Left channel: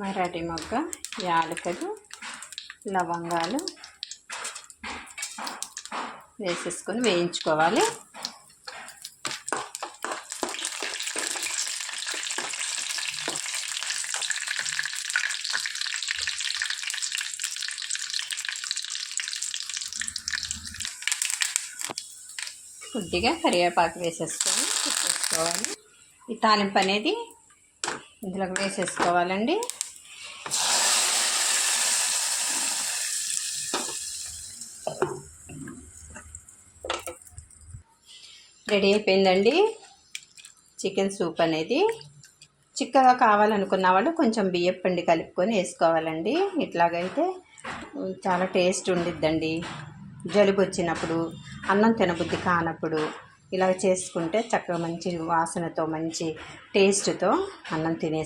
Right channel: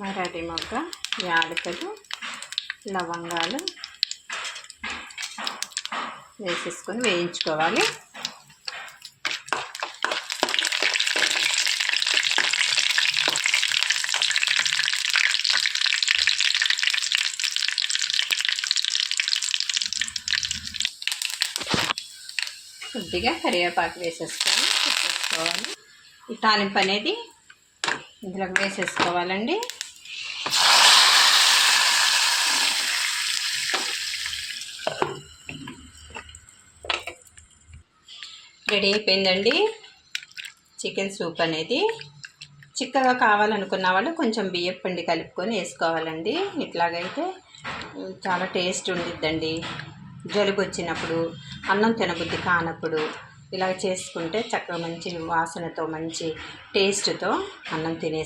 మరాఠీ మొగ్గ, యాలకులు, లవంగాలు వేసేసుకొని వేయించుకోవాలి. కొద్దిగా కరివేపాకు వేసేసుకొని తిప్పేసుకోవాలి. ఈ తాలింపు అనేది ఇందులోకి వేసేసుకోవాలండి. రెడీ అయిపోయిందండి చికెన్ సూప్ అనేది. చిక్కగా కావాలనుకున్న వాళ్ళు కొంచెం బియ్యం పిండి కలుపుకొని వేసుకోవాలండి. ఇట్లాగైతే చాలా టేస్ట్ ఉండిద్దండి. జలుబు వచ్చినప్పుడు, అన్నం తినబుద్ధి కానప్పుడు ఇలా చేసుకుంటే చక్కగా మంచి వాసనతో, మంచి టేస్ట్తో అన్నం తినేసి